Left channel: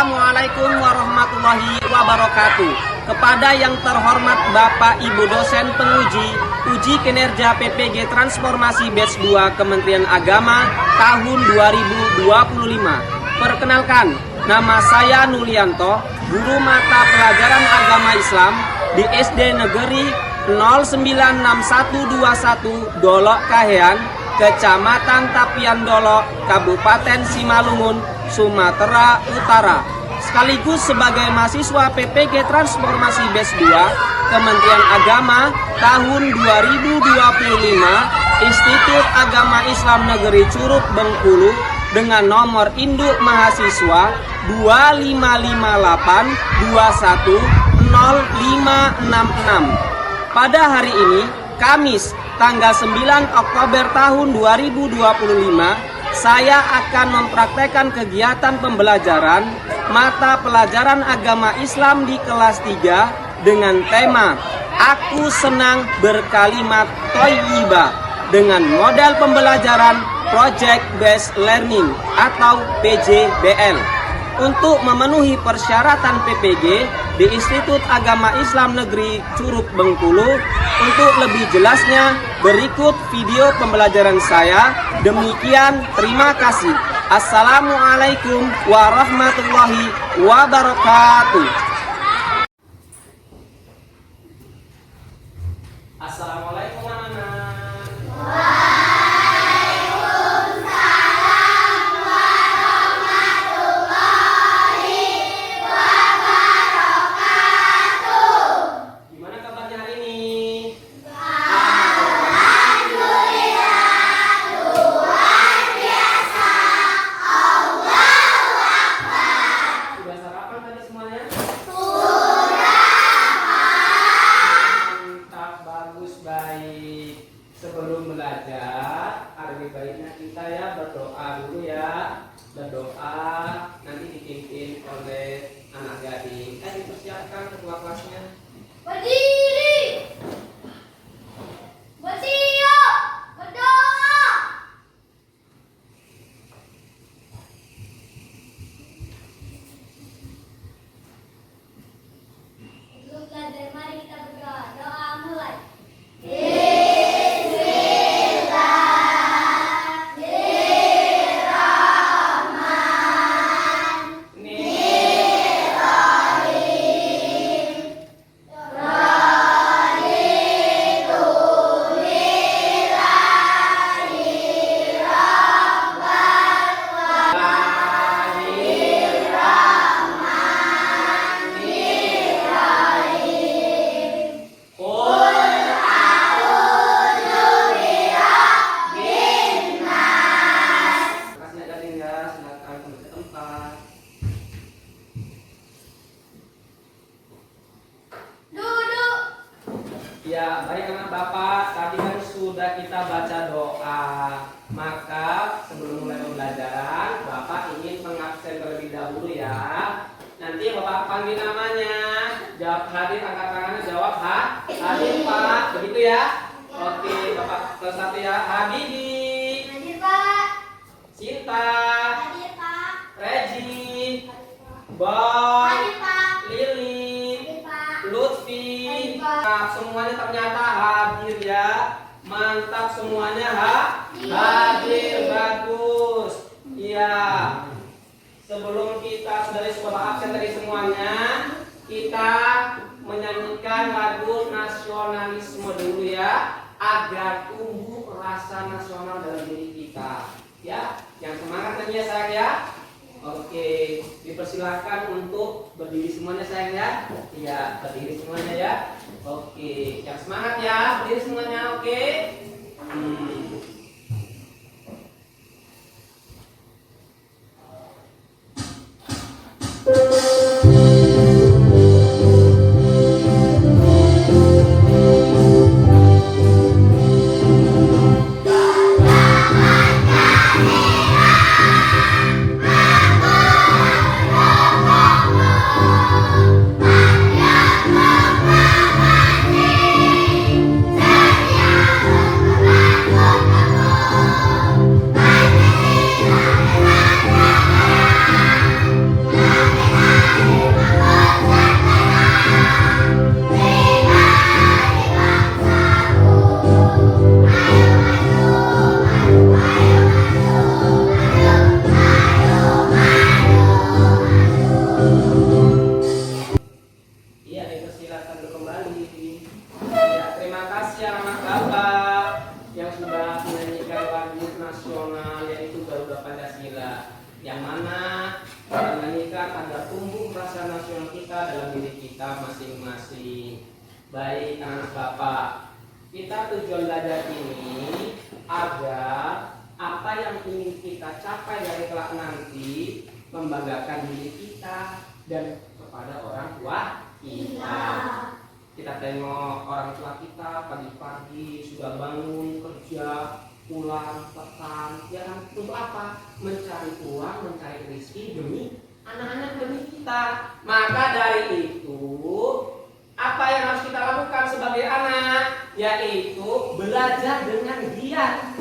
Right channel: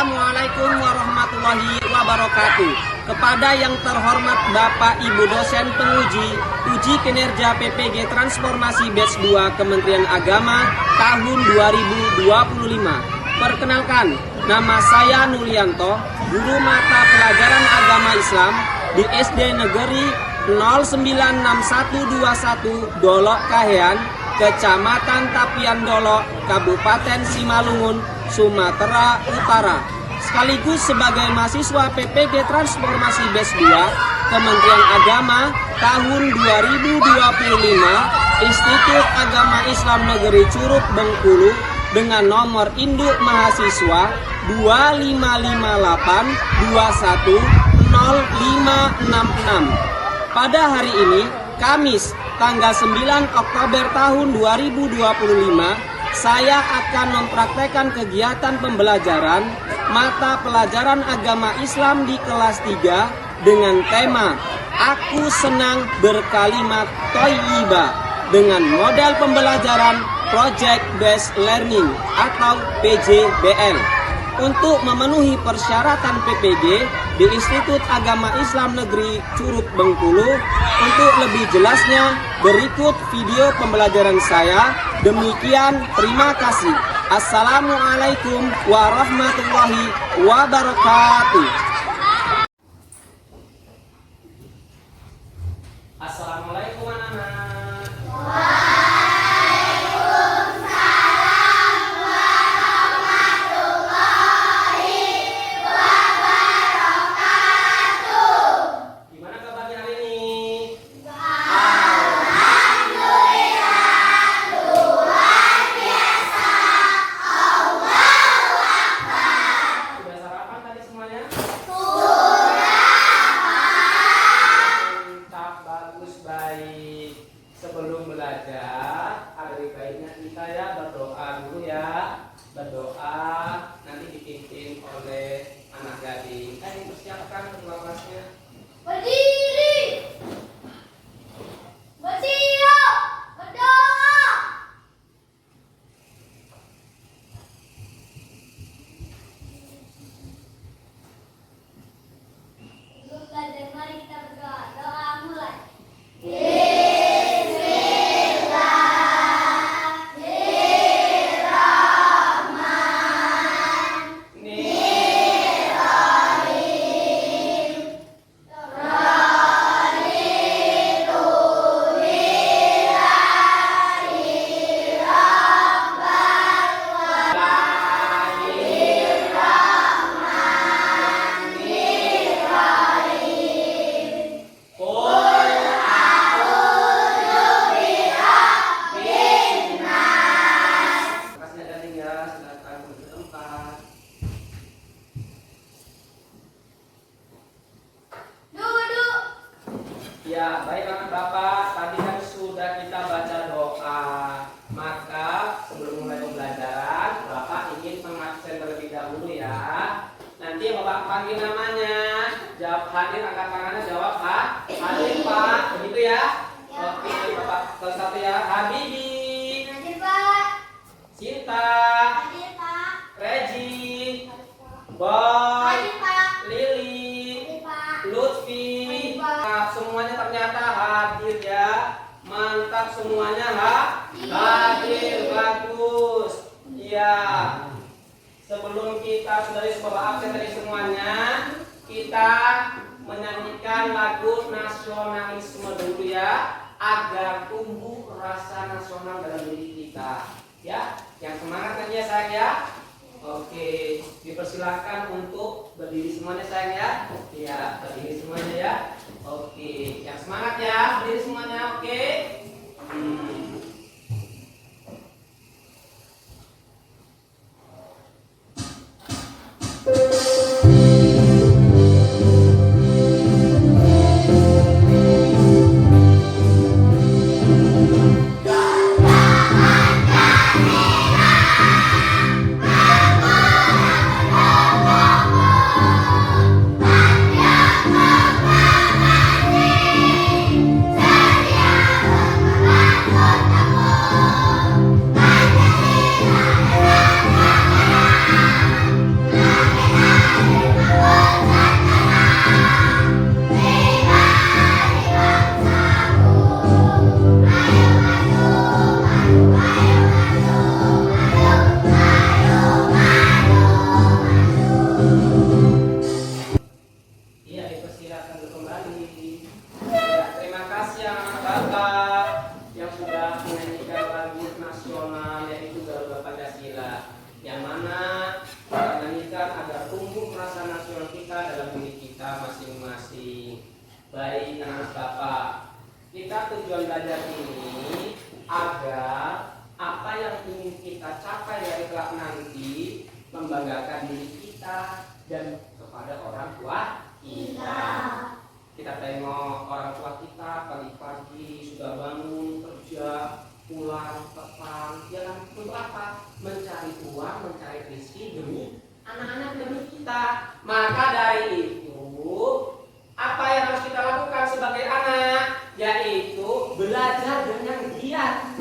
Assalamualaikum warahmatullahi wabarakatuh. Kepada yang terhormat Bapak Ibu dosen penguji uji kinerja PPG Transformasi Batch 2 Kementerian Agama tahun 2025. Perkenalkan, nama saya Nulianto, guru mata pelajaran agama Islam di SD Negeri 096121 Dolok Kahean, Kecamatan Tapian Dolok, Kabupaten Simalungun, Sumatera Utara. Sekaligus sebagai mahasiswa PPG Transformasi Batch 2 Kementerian Agama tahun 2025 Institut Agama Islam Negeri Curug Bengkulu dengan nomor induk mahasiswa 2558210566. Pada hari ini, Kamis, tanggal 9 Oktober tahun 2025, saya akan mempraktekkan kegiatan pembelajaran mata pelajaran agama Islam di kelas 3 dengan tema Aku Senang Berkalimat Thayyibah dengan model pembelajaran Project Based Learning atau PJBL. Untuk memenuhi persyaratan PPG di Institut Agama Islam Negeri Curug Bengkulu, untuk lebih jelasnya berikut video pembelajaran saya. Demikian, terima kasih. Assalamualaikum warahmatullahi wabarakatuh. Assalamualaikum anak-anak. Gimana kabarnya hari ini? Sudah sarapan tadi semuanya? Mantap, bagus, baik. Sebelum belajar, ada baiknya kita ya berdoa dulu ya. Berdoa nanti dipimpin oleh anak gading. Dipersiapkan ketua kelasnya. Berdiri, bersiap, berdoa. Sebelum belajar, mari kita berdoa. Doa mulai. Kasih gading ya, silakan ke tempat. Duduk. Ya, baik anak bapak, tadi kan sudah kita baca doa. Maka sebelum mulai pembelajaran, bapak ingin mengabsen terlebih dahulu ya. Nanti bapak panggil namanya, jawab hadir, angkat tangannya, jawab hadir pak, begitu ya. Oke, bapak kelas 1 ya. Habibi, Hadir Pak. Cinta, Hadir Pak. Regi, Boy, Hadir Pak. Lili, Hadir Pak. Lutfi. Hadir, Pak. Nah, semuanya ternyata hadir ya. Mantap semuanya hadir, bagus. Iya. Sebelum kita dari sekolah absen tadi semuanya, kita menyanyikan lagu nasionalisme dulu ya, agar tumbuh rasa nasional dalam diri kita. Ya, yang semangat kan ya sayang ya. Oke, dipersilakan untuk berdiri semuanya sayang ya. Iya, berdiri semuanya ya. Oke, yang semangat ya, berdiri semuanya. Oke. Saya lagu nasional yaitu Garuda Pancasila, yang mana menyanyikan agar tumbuh rasa nasional kita dalam diri kita masing-masing. Baik anak bapak, kita tujuan belajar ini agar apa yang ingin kita capai dari kelak nanti membanggakan diri kita dan kepada orang tua kita. Kita tengok orang tua kita pagi-pagi sudah bangun kerja, pulang petang, ya kan, untuk apa? Mencari uang, mencari rezeki demi anak-anak, demi kita. Maka dari itu, apa yang harus kita lakukan sebagai anak, yaitu belajar dengan giat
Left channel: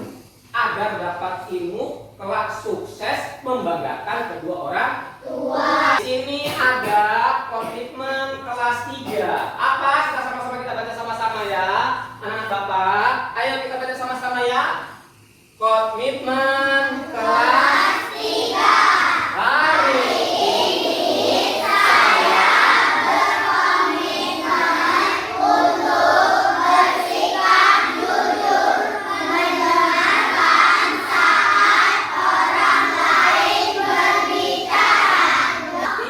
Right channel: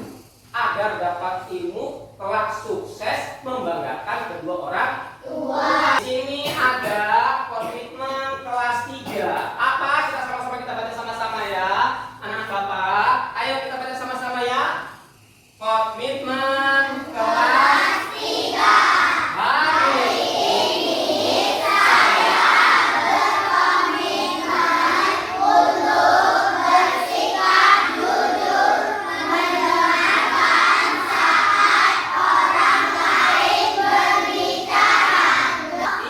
agar dapat ilmu kelak sukses membanggakan kedua orang tua. Di sini ada komitmen kelas 3. Apa? Kita baca sama-sama ya, anak bapak. Ayo kita baca sama-sama ya. Komitmen kelas 3. Hari ini saya berkomitmen untuk bersikap jujur, mendengarkan saat orang lain berbicara.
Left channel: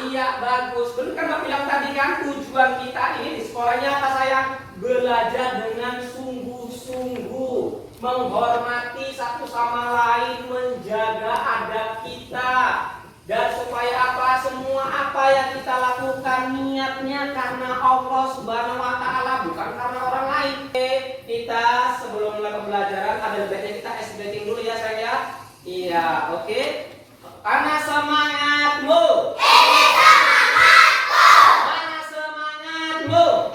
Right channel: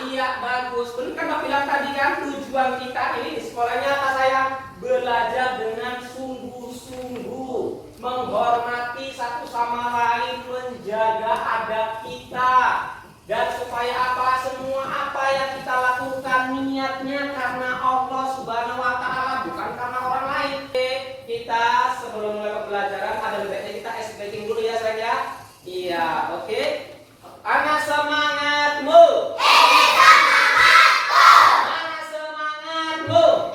Iya, bagus. Betul kan Bapak bilang tadi kan, tujuan kita ini di sekolahnya apa sayang? Belajar dengan sungguh-sungguh, menghormati satu sama lain, menjaga adab kita, dan supaya apa? Semua apa yang kita lakukan niatnya karena Allah Subhanahu wa Ta'ala, bukan karena orang lain. Kita sebelum mulai pembelajaran ada baiknya kita ice breaking dulu ya saya. Iya, oke. Anak semangatmu. Mana semangatmu?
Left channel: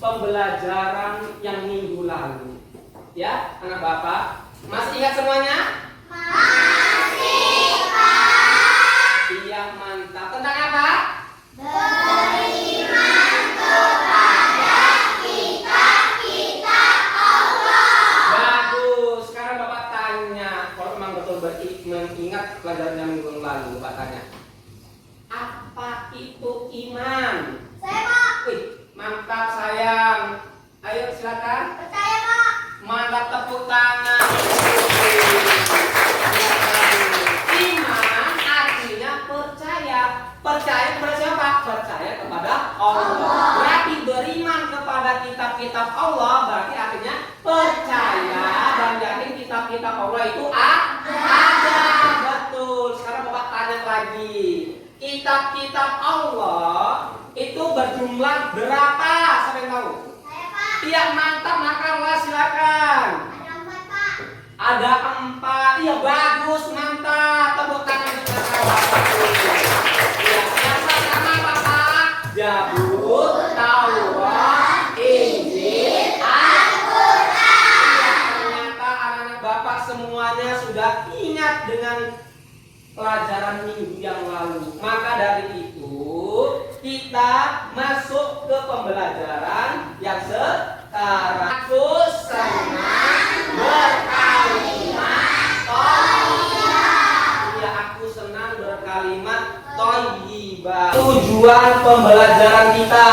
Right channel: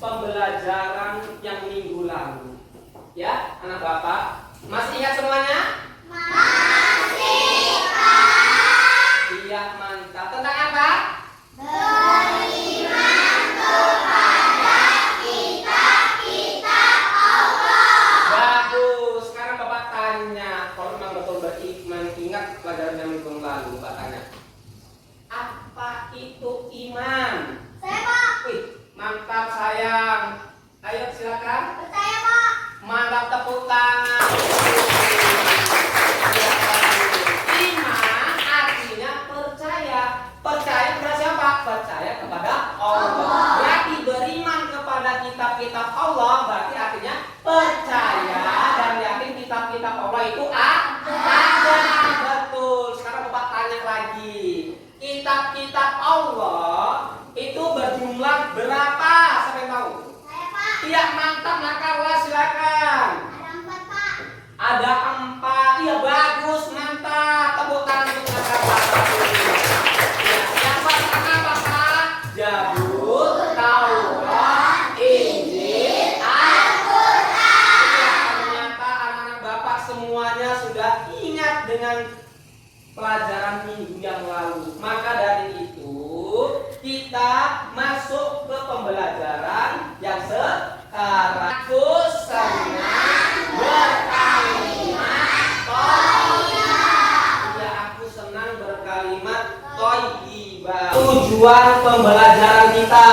Pembelajaran yang minggu lalu, ya anak bapak, masih ingat semuanya? Masih Pak. Iya, mantap. Tentang apa? Beriman kepada kitab-kitab Allah. Bagus. Sekarang bapak tanya, kalau memang betul beriman, ingat pelajaran yang minggu lalu, bapak tanya, apa itu iman? Saya Pak. Wih, mantap sayang. Ayo silakan. Percaya Pak. Mantap, tepuk tangan. Iman artinya percaya. Percaya kepada siapa? Percaya kepada Allah. Berarti beriman kepada kitab-kitab Allah berarti artinya percaya dan yakin kitab-kitab Allah itu ada. Betul. Sekarang Bapak tanya lagi. Kitab-kitab Allah itu berjumlah berapa? Siapa yang tahu? Saya Pak. Iya, mantap, Nakarwa, silakan. Ada 4 Pak. Ada 4. Iya, bagus, mantap. Tepuk tangan untuk Nakarwa. Ya, yang pertama Bapak, Zabur, Taurat, Injil, Al-Quran. Iya, ternyata anak-anak Bapak semuanya sudah ingat dengan pelajaran minggu yang lalu. Maka dari itu kita masuk ke pembelajaran yang sekarang. Aku senang berkalimat thayyibah. Ya, aku senang berkalimat thayyibah. Tujuan pembelajaran kita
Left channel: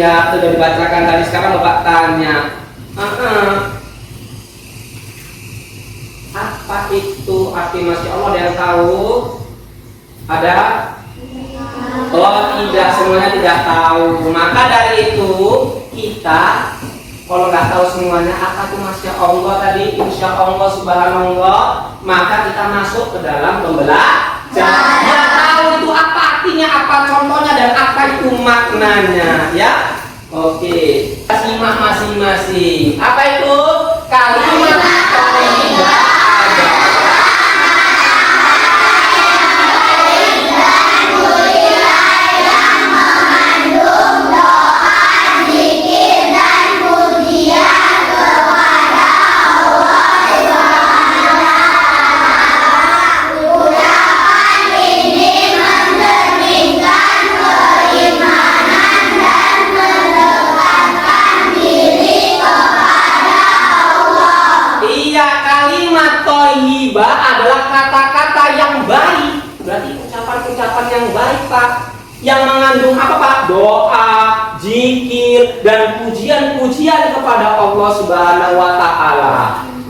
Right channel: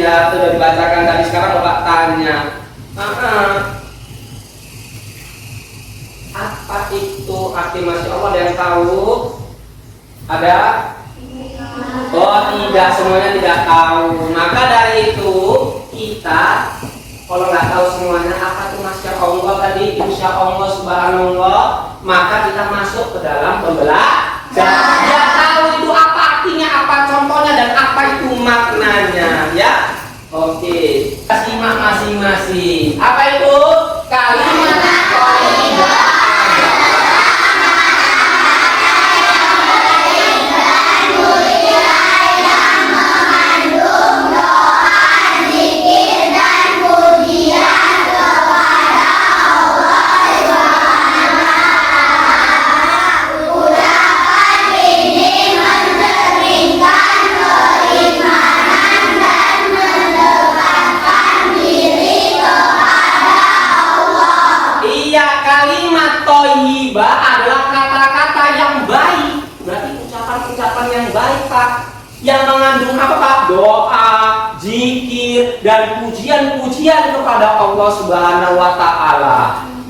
ya, sudah dibacakan tadi. Sekarang Bapak tanya, apa itu arti Masya Allah? Ada yang tahu? Ada? Oh tidak, semuanya tidak tahu. Maka dari itu kita kalau nggak tahu semuanya apa tuh Masya Allah tadi, Insya Allah, Subhanallah, maka kita masuk ke dalam pembelajaran. Nggak tahu itu apa artinya, apa contohnya, dan apa itu maknanya, ya. Oke, simak masing-masing. Apa itu? Kalimat thayyibah. Thayyibah adalah kata-kata yang baik. Berarti ucapan-ucapan yang baik, Pak, yang mengandung apa, Pak? Doa, zikir, dan pujian-pujian kepada Allah Subhanahu wa Ta'ala.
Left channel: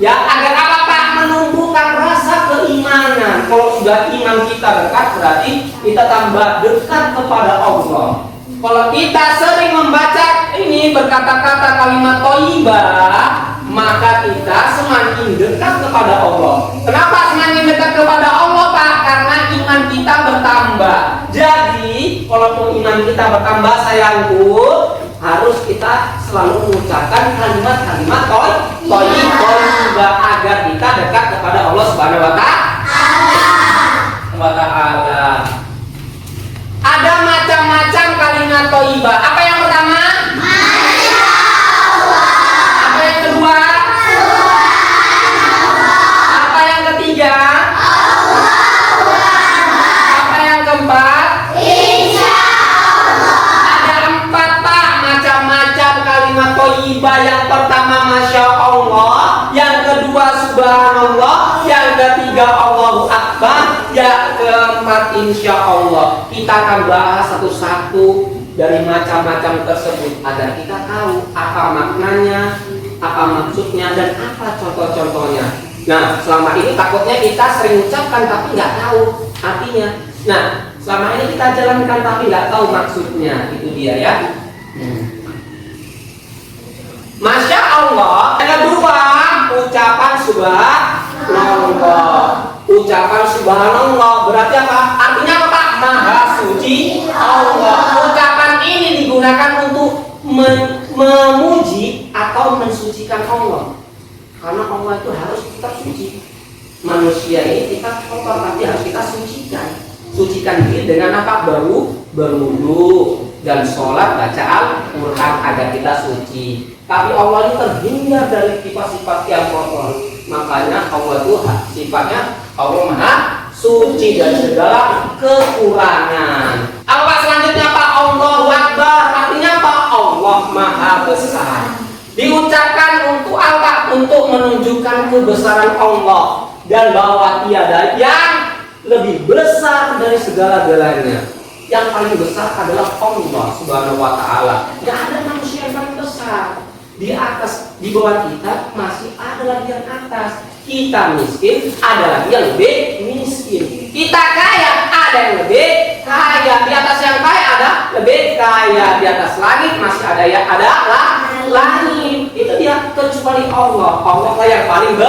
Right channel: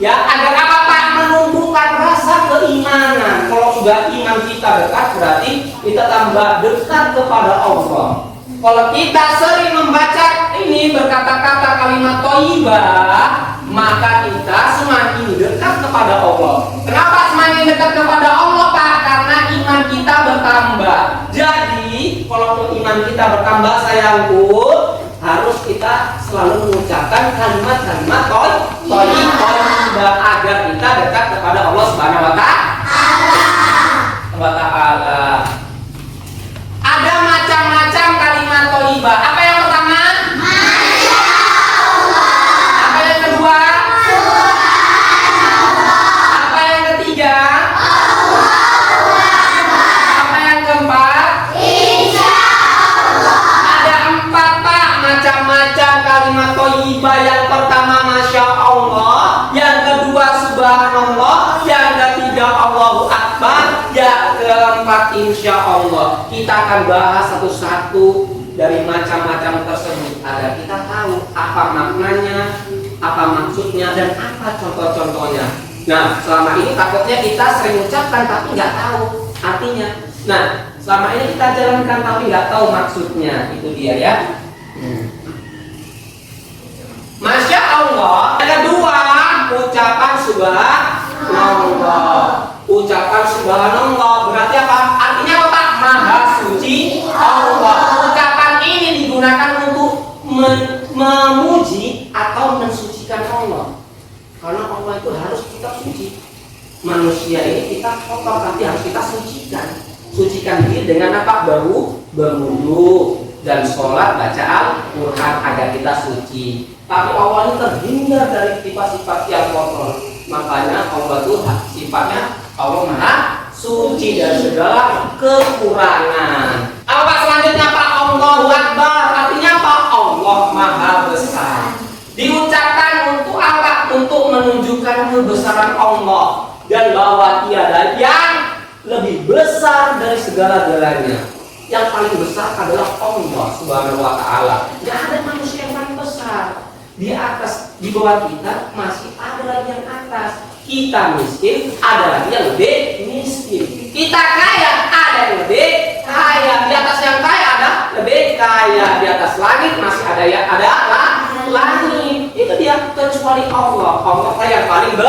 Ya, agar apa, Pak? Menumbuhkan rasa keimanan. Kalau sudah iman kita dekat, berarti kita tambah dekat kepada Allah. Kalau kita sering membaca ini, berkata-kata kalimat thayyibah, maka kita semakin dekat kepada Allah. Kenapa semakin dekat kepada Allah, Pak? Karena iman kita bertambah. Jadi, kalau mau iman kita bertambah, sayangku, harus kita selalu mengucapkan kalimat-kalimat thayyibah agar kita dekat kepada Allah Subhanahu wa Ta'ala. Ada macam-macam kalimat thayyibah. Apa yang pertama? Apa yang kedua? Apa yang ketiga? Apa yang keempat? Ada 4, Pak, macam-macam kalimat thayyibah. Yang pertama Masya Allah, yang kedua Subhanallah, yang ketiga Allahu Akbar, yang keempat Insya Allah. Kita akan bahas satu-satu dari macam-macam tersebut agar kita tahu apa maknanya, apa maksudnya, dan apa contoh-contohnya. Nah, selama ini takutnya kita sering ucapkan tapi nggak tahu artinya. Nah, selama ini kita jalankan tapi nggak tahu maksudnya. Itu dia, ya. Masya Allah. Yang kedua, ucapan subhanallah. Ucapan subhanallah berarti apa? Artinya apa, Pak? Maha suci Allah. Ucapan ini digunakan untuk memuji atau mensucikan Allah. Karena Allah itu harus kita suci. Manusia ini kita kotor, tapi harus kita sucikan. Sucikan diri dengan apa? Berwudu dan sholat, baca Al-Quran agar kita suci. Tapi Allah ini terhindar dari sifat-sifat yang kotor. Makanya Allah itu sifatnya Allah Maha Suci dari segala kekurangan. Apa selanjutnya, Pak? Allahu Akbar. Artinya apa? Allah Maha Besar. Diucapkan untuk apa? Untuk menunjukkan kebesaran Allah dan bahwa tiada yang lebih besar dari segala-galanya. Yang paling besar adalah Allah Subhanahu wa Ta'ala. Gak ada manusia yang paling besar. Di atas, di bawah kita masih ada lagi yang atas. Kita miskin, ada lagi yang lebih miskin. Kita kaya, ada yang lebih kaya. Di atas yang kaya ada lebih kaya. Di atas langit masih ada yang langit. Itu dia, kecuali Allah. Allah lah yang paling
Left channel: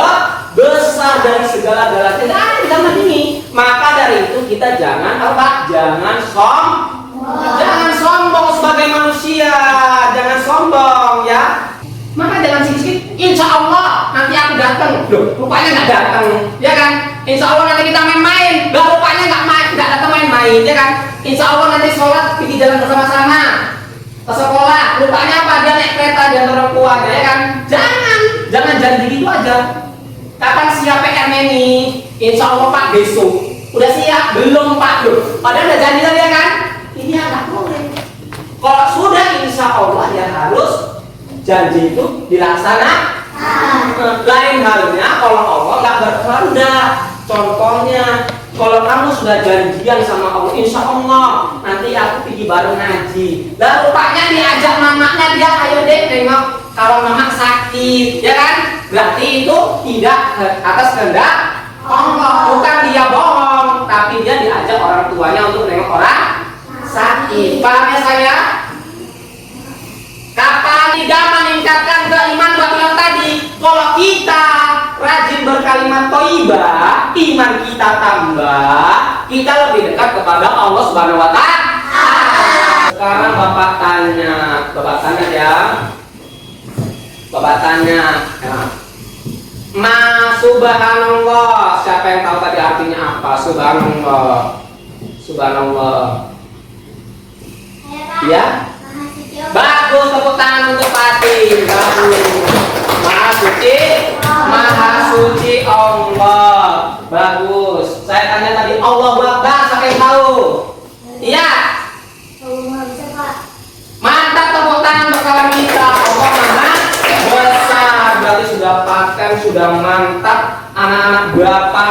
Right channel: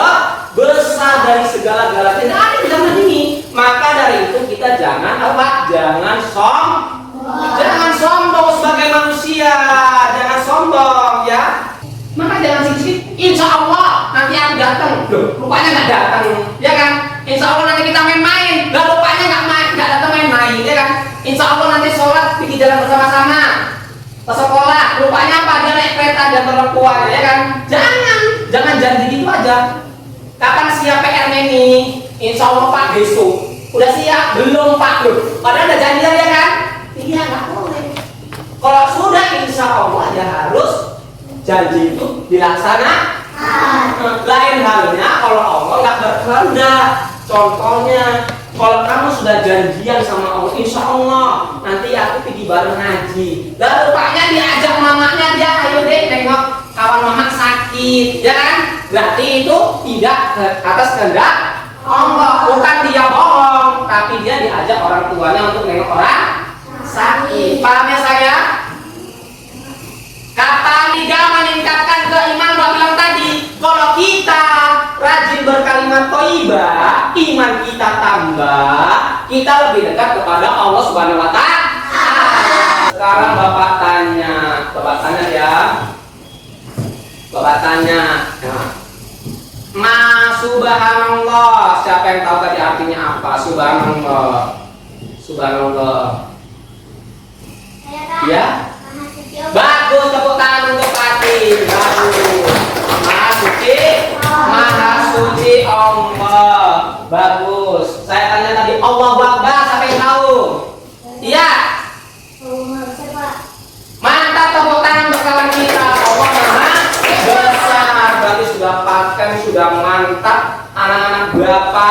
besar dari segala-galanya. Tidak ada yang menandingi. Maka dari itu kita jangan apa? Jangan sombong sebagai manusia. Jangan sombong, ya. Maka jangan sikit-sikit, insya Allah nanti aku datang. Loh, rupanya nggak datang, ya kan? Insya Allah nanti kita main-main. Loh, rupanya nggak datang main-main, ya kan? Insya Allah nanti sholat di jalan bersama-sama ke sekolah. Rupanya apa? Dia naik kereta dan orang tuanya, ya kan? Jangan janji gitu aja. Kapan siap PR-nya nih? Insya Allah Pak besok. Udah siap? Belum Pak. Loh, padahal udah janjian, ya kan? Iya, nggak boleh. Kalau sudah insya Allah ya harus janji itu dilaksanakan. Lain halnya kalau Allah nggak berkehendak. Contohnya, kalau kamu sudah janjian sama Allah, insya Allah nanti aku pergi pergi baru ngaji. Dan rupanya diajak mamanya, dia ayo deh nengok kawan mama sakit, ya kan? Berarti itu tidak atas kehendak Allah, bukan dia bohong, tapi dia diajak orang tuanya untuk nengok orang sakit. Paham ya saya? Kata tidak meningkatkan keiman bilang tadi, kalau kita rajin berkalimat thayyibah, iman kita tambah, kita lebih dekat kepada Allah Subhanahu wa Ta'ala. Sekarang Bapak tanya ya. Bapak tanya, ya. Ma subhanallah, siapa yang tahu tadi artinya apa? Subhanallah. Subhanallah. Ya? Bagus, tepuk tangan untuk Fatih. Bagus. Maha suci Allah. Bagus. Saya tanya tadi Allah Akbar, siapa yang tahu? Iya. Mantap, tepuk tangan untuk kawan kita. Allah Maha besar. Berarti sudah paten, sudah mantap. Anak-anak berapa?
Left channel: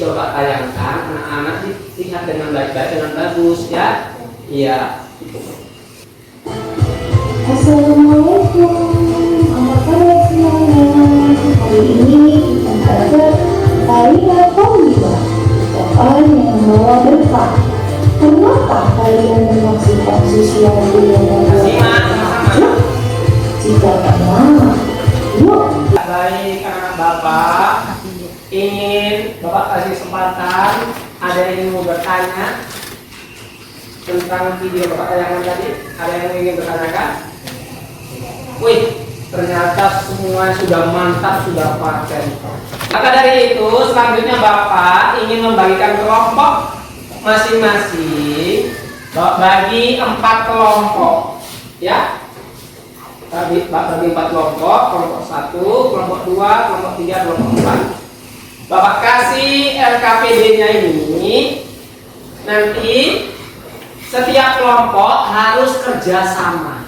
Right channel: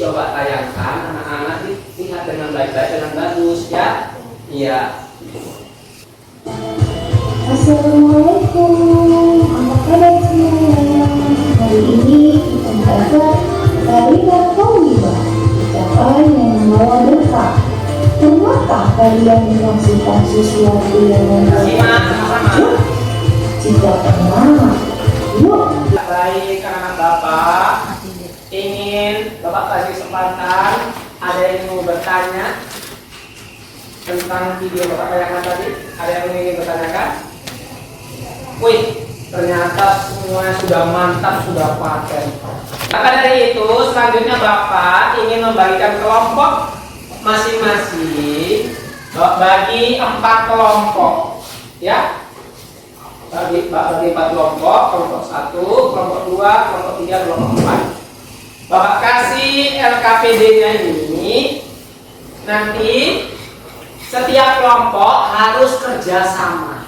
Bapak tayangkan, anak-anak lihat dengan baik-baik, dengan bagus ya. Iya. Assalamualaikum, apa kabar semuanya? Hari ini kita belajar kalimat thayyibah, ucapan yang membawa berkah. Kenapa kalian menyaksikan sesuatu yang membawa berkah? Jika pernah, yuk. Baik, anak-anak Bapak, ingin Bapak kasih kesempatan, ada yang mau bertanya tentang video Bapak tayangan tadi? Ada yang ingin bertanyakan? Wih, ternyata semua sudah mantap, sudah paten. Maka dari itu, selanjutnya Bapak ingin membagikan kelompok masing-masing bagi 4 kelompok, ya. Bagi 4 kelompok, kelompok 1, kelompok 2, kelompok 3, kelompok 4. Bapak kasih LKPD-nya ini, nanti setiap kelompok harus kerjasama,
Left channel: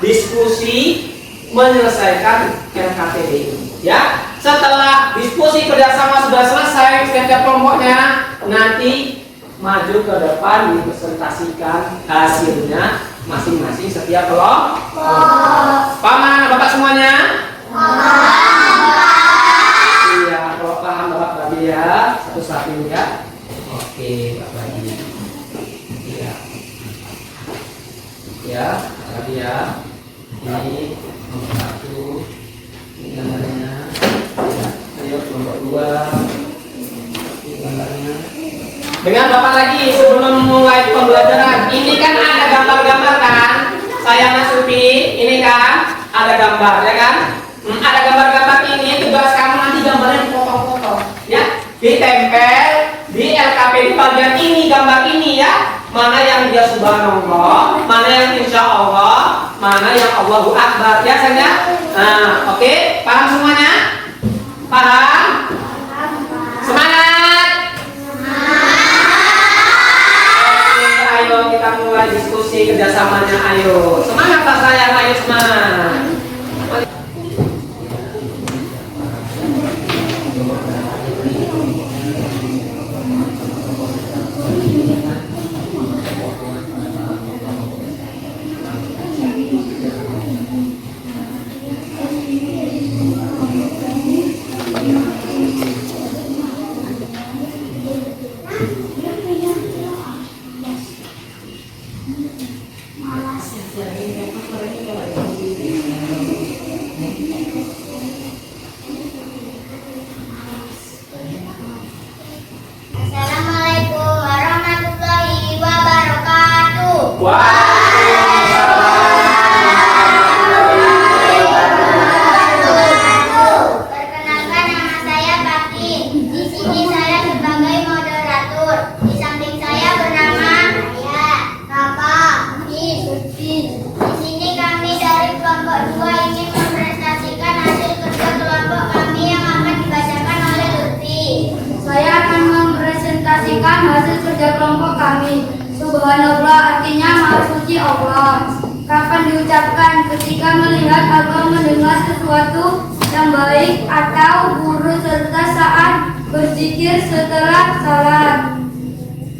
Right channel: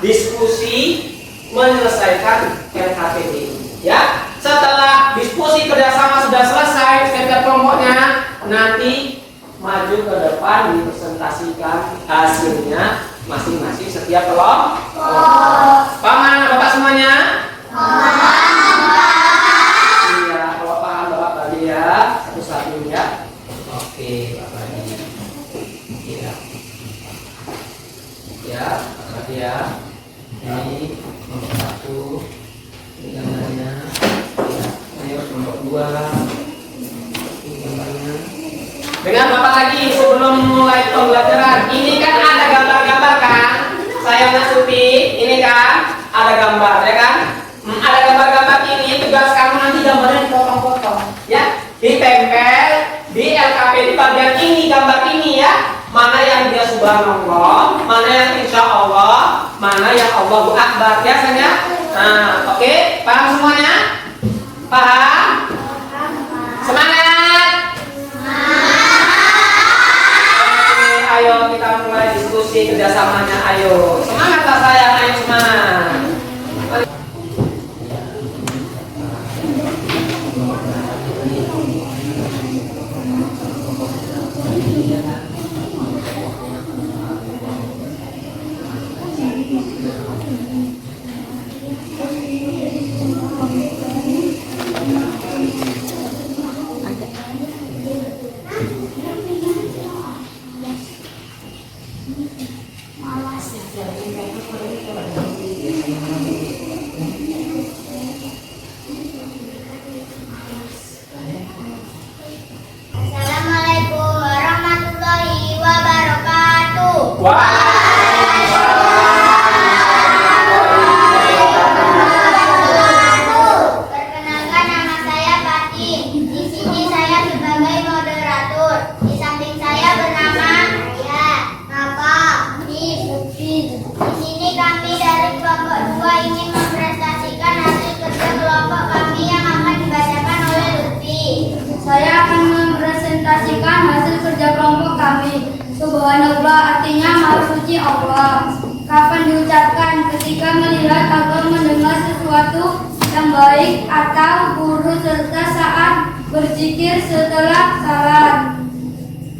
diskusi menyelesaikan LKPD ini. Ya, setelah diskusi kerjasama sudah selesai setiap kelompoknya, nanti maju ke depan dipresentasikan hasilnya masing-masing setiap kelompok. Paham Bapak semuanya? Ya, satu-satu ya. Oke, Pak Badi. Ya. Ya, Pak Badi ya. Ini nomor 1. Ini gambarnya. Ya, ayo nomor 2. Ini gambarnya. Dengan Bapak lagi sebelum mulai pembelajaran. Ini kan ada gambar-gambar kan? Saya Nasupi, ini kan ada gambar, ya kan? Ada gambar-gambar ini, tugas kamu nanti gambarnya potong-potong. Ya, ditempel di LKPD bagian ini, gambar ini ya. Mana yang dia subhanallah, mana yang insya Allah, mana yang Allahu Akbar ya saya. Nah, oke, paham semuanya? Paham? Semangat! Oke, ayo kita mulai diskusi kerjasamanya. Ayo, semangat Pak sayang, ayo semangat. artinya Maha Suci Allah. Kapan diucapkan? Ketika melihat atau mendengar sesuatu yang baik atau buruk serta saat berzikir setelah salat.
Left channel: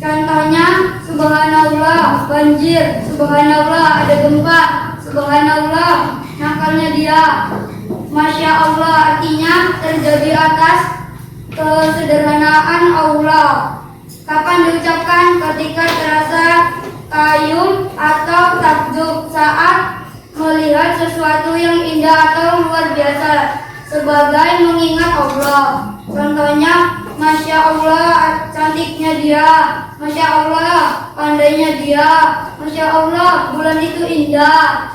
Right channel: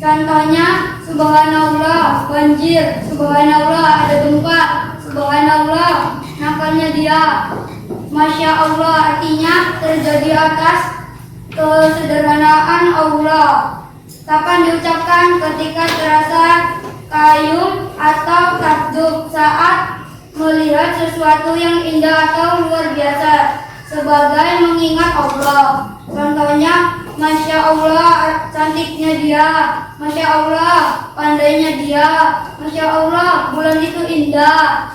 Contohnya, subhanallah, banjir, subhanallah, ada gempa, subhanallah, nakalnya dia. Masya Allah artinya terjadi atas kesederhanaan Allah. Kapan diucapkan? Ketika terasa kayum atau takjub saat melihat sesuatu yang indah atau luar biasa sebagai mengingat Allah. Contohnya, Masya Allah cantiknya dia, Masya Allah pandainya dia, Masya Allah bulan itu indah.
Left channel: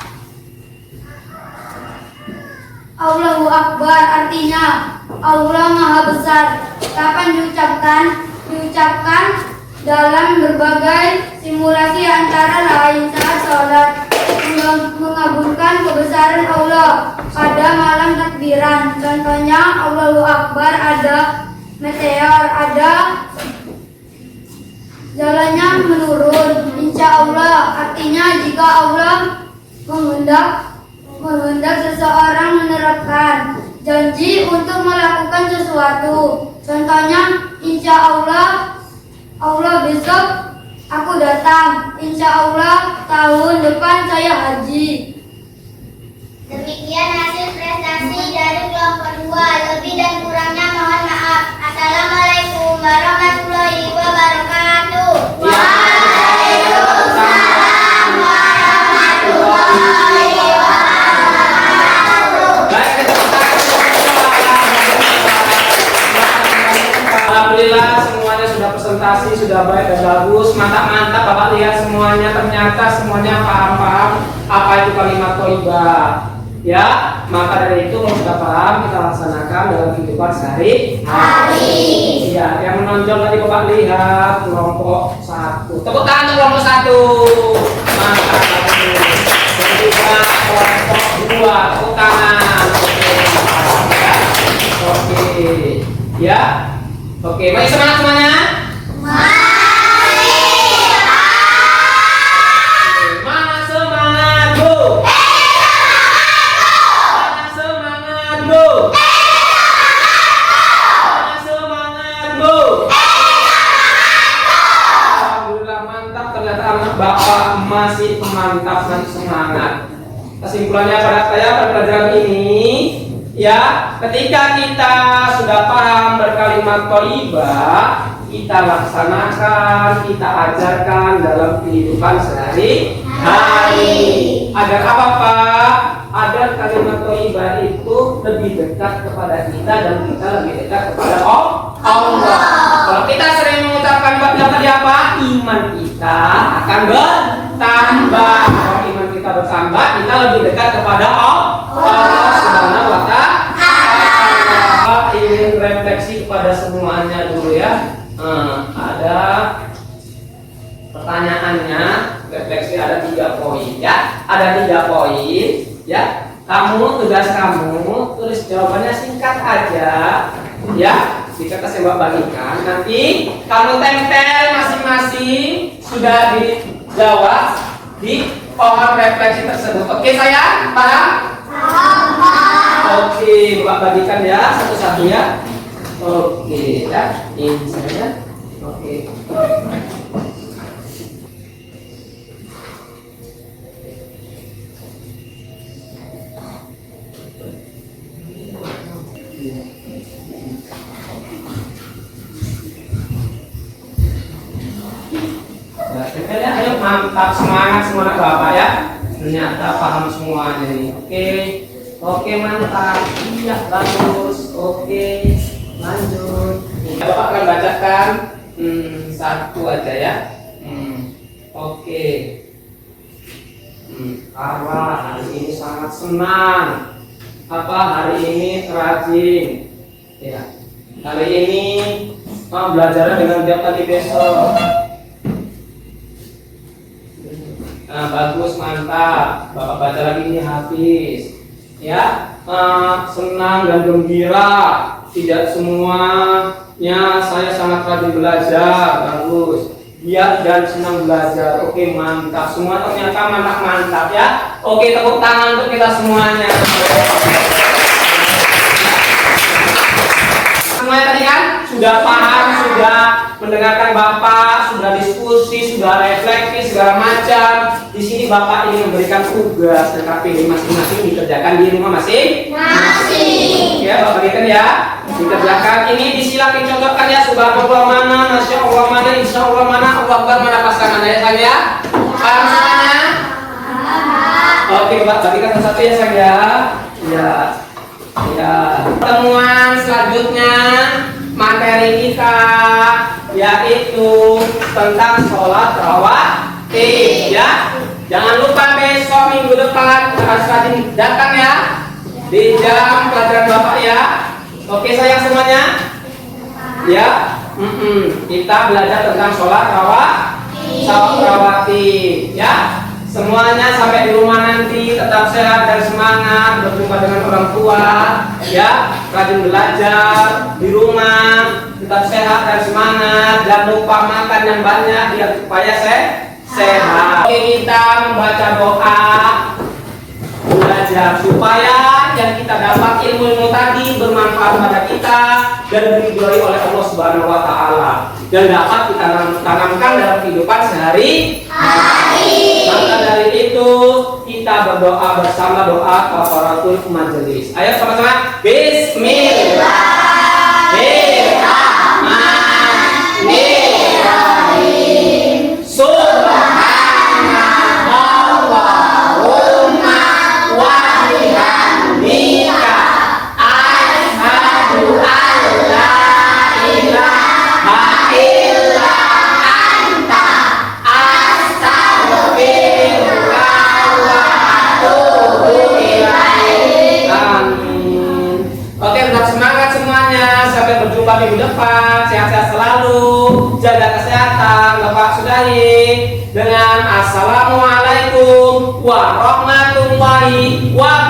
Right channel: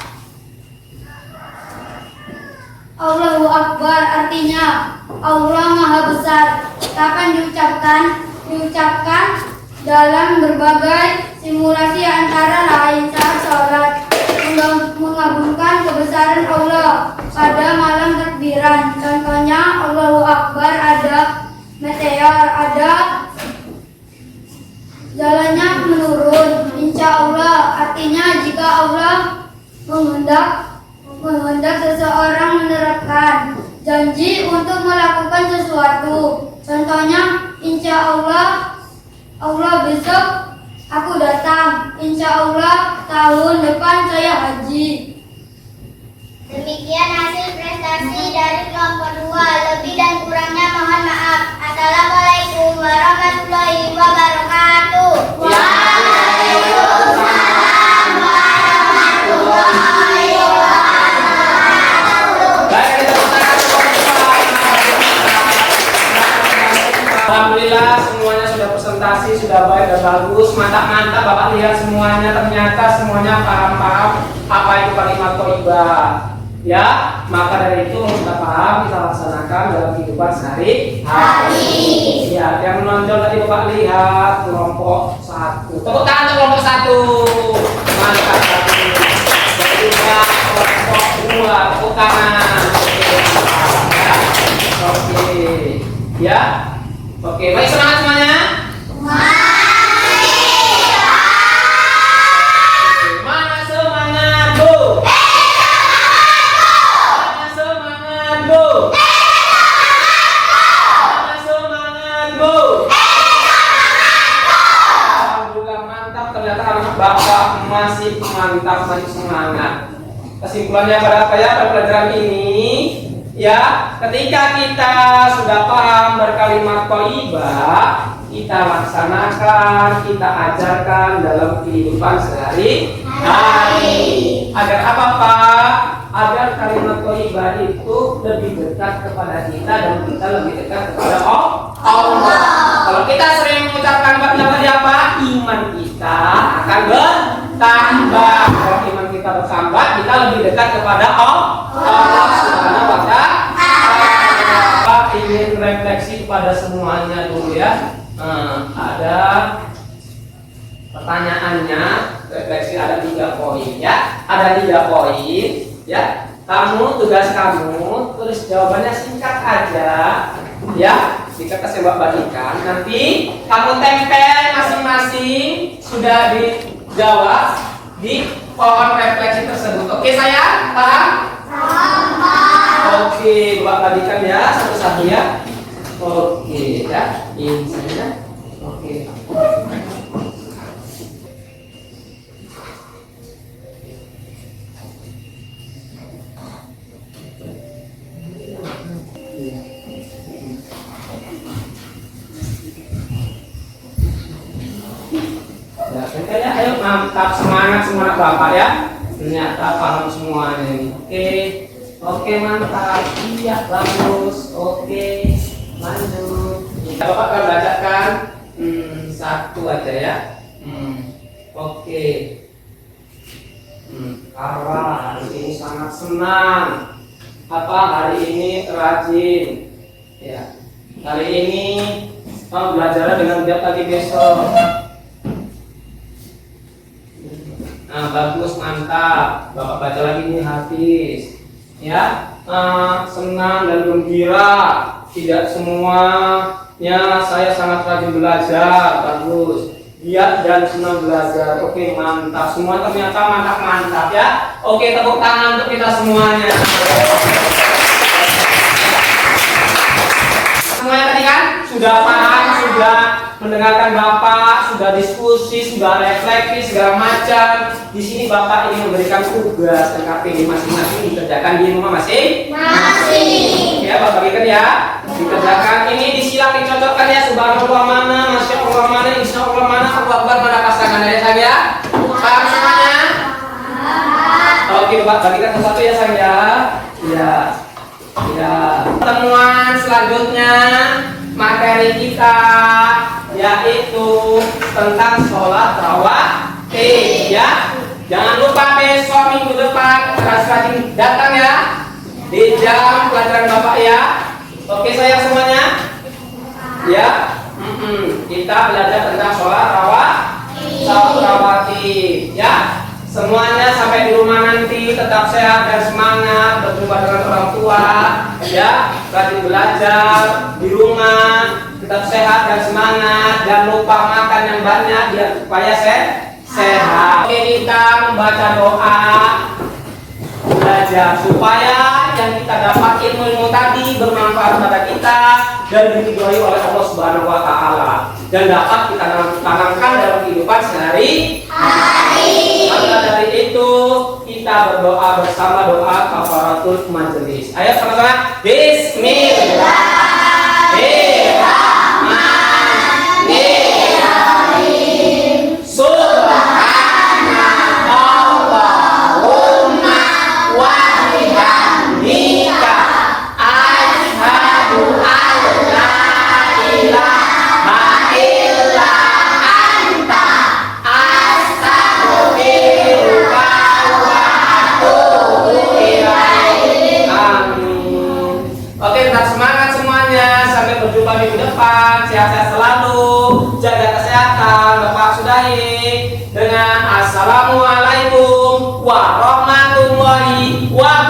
Allahu Akbar artinya Allah Maha Besar. Kapan diucapkan? Diucapkan dalam berbagai simulasi antara lain saat sholat, mengagungkan kebesaran Allah pada malam takbiran. Contohnya Allahu Akbar, ada meteor, ada jalannya menurun. Insya Allah artinya jika Allah menghendak seseorang menerapkan janji untuk melakukan sesuatu. Contohnya insya Allah besok aku datang, insya Allah tahun depan saya haji. Demikian hasil prestasi dari kelompok 2. Lebih dan kurangnya mohon maaf. Assalamualaikum warahmatullahi wabarakatuh. Waalaikumsalam warahmatullahi wabarakatuh. Alhamdulillah semuanya sudah presentasi, sudah baik dan bagus, mantap-mantap. Bapak lihat semuanya, ternyata semuanya paham-paham apa itu kalimat thayyibah. Ya, maka dari itu kalau sudah paham kita laksanakan dalam kehidupan sehari-hari. Ya, yang menonjol tadi Bapak lihat kelompok 1. Tepuk tangan untuk kelompok 1. Mantap sekali. Kemudian kelompok 2, tepuk tangan. Oke, ya. Oke, baik semangat semuanya. Mana semangat, Bu? Mana semangat, Bu? Mana semangat, Bu? Alhamdulillah mantap, ternyata anak Bapak masih mantap, masih semangat. Kesimpulannya pada apa ya pada pelajaran ini? Ya, ketika kita sudah paham berkalimat thayyibah, kita laksanakan, kita ajarkan dalam kehidupan sehari-hari. Agar apa Pak? Agar kalimat thayyibah itu lebih dekat kepada kita dan kita lebih dekat kepada Allah. Kalau kita sering mengucapkan apa? Iman kita akan bertambah. Kalau iman kita bertambah, kita lebih dekat kepada Allah Subhanahu wa Ta'ala. Ingin refleksi kepada semuanya dulu ya. Ada pertanyaannya, refleksi ada 3 poin ya. Ada 3 poin ya. Tugas kamu tulis jawabannya singkat aja ya. Kita kasih bagikan. Nanti kamu tempel masing-masing sudah dijawab di pohon refleksi tersebut. Oke sayang? Paham? Oke, Bapak bagikan ya satu-satu ya. Oke ya, ini saja. Oke. Ya, ayo mantap, semangat Bapak ya. Ternyata paham semuanya ini. Oke mantap. Iya bagus. Oke lanjut. Bapak akan bacakan satu aja ya. Oke. Karla hari ini sangat senang. Hari ini rajin. Ya. Hari ini belajar dengan giat pagi besok. Nah, bagus, mantap. Bapak baca lagi ini habis. Ya, senang dan gembira. Tidak semuanya saya sangat rajin belajar. Bagus. giat dan senang belajar. Oke, mantap. Semua ternyata mantap ya. Oke, tepuk tangan untuk kita semuanya. Semuanya tadi kan sudah paham, sudah mendengarkan Bapak, sudah diskusi, sudah refleksi segala macam. Di sini Bapak ini memberikan tugas dan KPD masing-masing dikerjakan di rumah masing-masing. Ya, Bapak berikan ya. Dikerjakan ini disilakan contohkan ya. Subhanallah mana, Masya Allah mana, Insya Allah mana, Allah Akbar mana pasangan ya sayang ya. Paham semuanya? Oke, Bapak bagikan satu-satu ya sayang ya. Ya. Ya, pertemuan selanjutnya materi kita yaitu tentang sholat rawatib ya. Jangan lupa besok minggu depan harus rajin datang ya di jam pelajaran Bapak ya. Oke sayang semuanya ya. Kita belajar tentang sholat rawatib ya. Semuanya sampai di rumah nanti tetap sehat dan semangat, berjumpa dengan orang tua, ya, rajin belajar di rumah, tetap sehat dan semangat, dan lupa makan yang banyak biar supaya sehat. Oke, kita membaca doa belajar supaya yang kita dapat ilmu tadi bermanfaat pada kita dan diridhoi oleh Allah Subhanahu wa taala dan dapat kita tanamkan dalam kehidupan sehari-hari. Maka dari itu kita berdoa bersama doa kafaratul majelis. Ayo sama-sama. Bismillahirrahmanirrahim. Subhanallahumma wa bihamdika asyhadu an la ilaha illa anta astaghfiruka wa atubu ilaik. Amin. Oke, tetap semangat semuanya. Sampai berjumpa minggu depan. Sehat-sehat selalu. Jaga kesehatan. Bapak sudahi dengan assalamualaikum warahmatullahi wabarakatuh.